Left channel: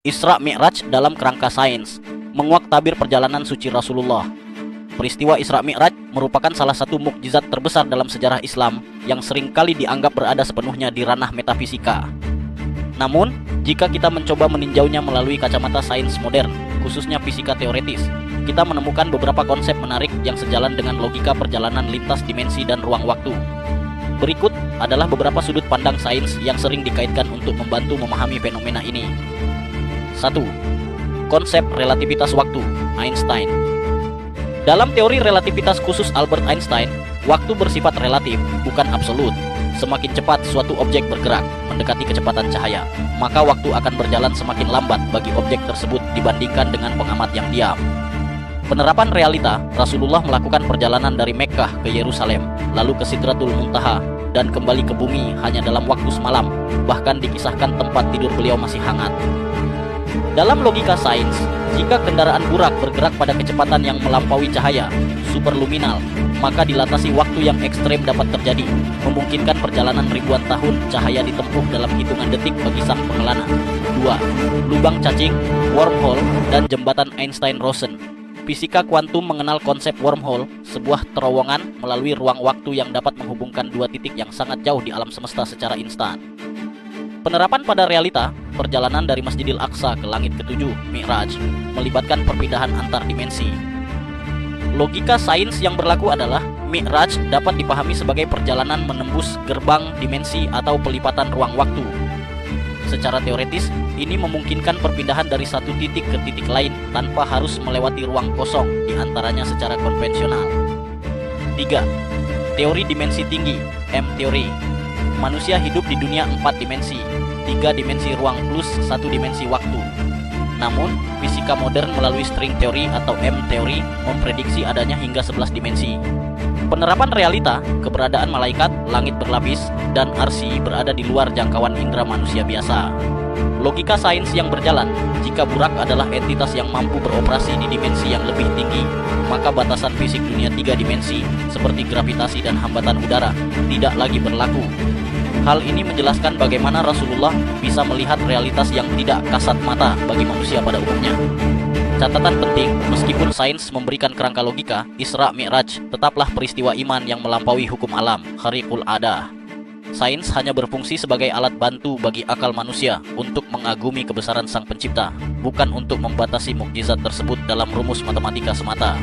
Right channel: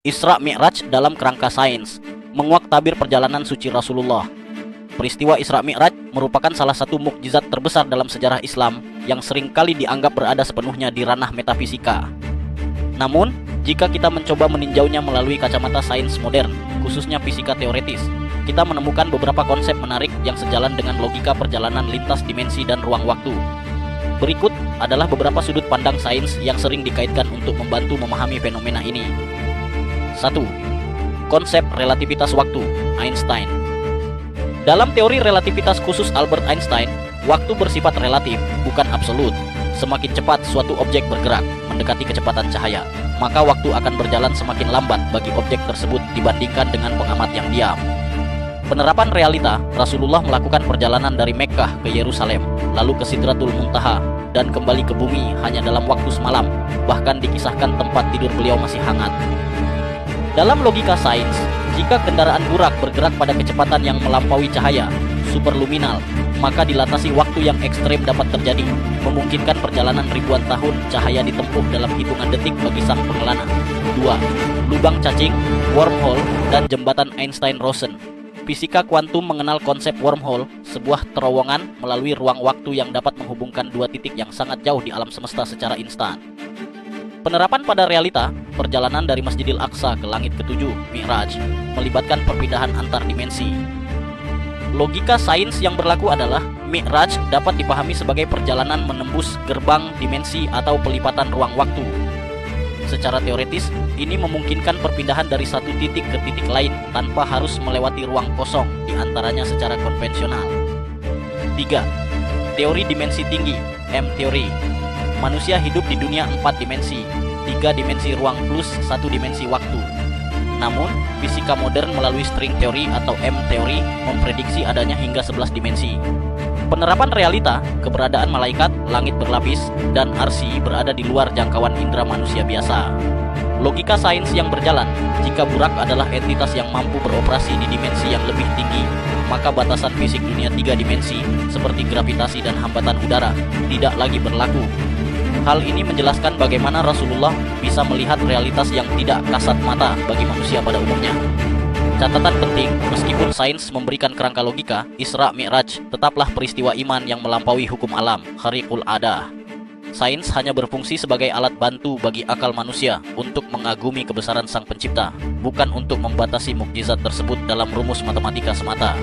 Isra Mi'raj dalam kerangka sains, menguak tabir perjalanan suci Rasulullah. Peristiwa Isra Mi'raj merupakan salah satu mukjizat terbesar dalam sejarah Islam yang seringkali dianggap berada sepenuhnya di ranah metafisika. Namun, jika kita mencoba meninjaunya melalui kacamata sains modern, khususnya fisika teoretis, kita menemukan beberapa konsep menarik yang sejalan dengan logika perjalanan lintas dimensi dan ruang waktu. Berikut adalah beberapa sudut pandang sains yang sering dikaitkan untuk membantu memahami fenomena ini. 1. Konsep relativitas waktu, Einstein. Dalam teori relativitas khusus Albert Einstein, waktu bersifat relatif, bukan absolut. Semakin cepat suatu objek bergerak, mendekati kecepatan cahaya, maka waktu akan berjalan semakin lambat bagi objek tersebut dibandingkan dengan pengamat yang diam. Penerapan realita, Rasulullah melakukan perjalanan dari Mekkah ke Yerusalem, lalu ke Sidratul Muntaha, dan kembali ke bumi hanya dalam waktu semalam, bahkan dikisahkan tempat tidur beliau masih hangat. Dalam logika sains, jika kendaraan burak bergerak pada kecepatan yang melampaui cahaya, superluminal, maka dilatasi waktu yang ekstrem dapat terjadi, memungkinkan perjalanan ribuan tahun cahaya ditempuh dalam hitungan detik bagi sang pengelana. 2. Lubang cacing, wormhole, dan jembatan Einstein-Rosen. Fisika kuantum mengenal konsep wormhole, sebuah terowongan melalui ruang waktu yang dapat menghubungkan dua titik yang sangat jauh di alam semesta secara instan. Penerapan pada realita, perjalanan dari Masjidil Aqsa ke langit ketujuh, Mi'raj, melibatkan perpindahan antar dimensi. Logika sains yang berlaku adalah Mi'raj dapat dipahami sebagai perjalanan menembus gerbang dimensi atau pelipatan ruang waktu. Secara teoretis, ini memungkinkan perpindahan dari satu titik ke titik lain tanpa harus melewati ruang kosong di antaranya secara konvensional. 3. Teori dimensi tinggi, M-teori. Manusia hidup di dunia 4 dimensi, 3 dimensi ruang plus 1 dimensi waktu. Namun, fisika modern melalui string teori atau M-teori memprediksi adanya hingga 11 dimensi. Penerapan realita, keberadaan malaikat, langit berlapis, dan arsy berada di luar jangkauan indera manusia biasa. Logika sains yang berjalan, jika burak adalah entitas yang mampu beroperasi di dimensi yang lebih tinggi, maka batasan fisik dunia 3 dimensi, seperti gravitasi dan hambatan udara, tidak lagi berlaku. Hal ini menjelaskan bagaimana Rasulullah bisa melihat realitas yang tidak kasat mata bagi manusia pada umumnya. Catatan penting, meskipun sains memberikan kerangka logika, Isra Mi'raj tetaplah peristiwa iman yang melampaui hukum alam, khariqul adah. Sains hanya berfungsi sebagai alat bantu bagi akal manusia untuk mengagumi kebesaran Sang Pencipta, bukan untuk membatasi mukjizat tersebut dalam rumus matematika semata.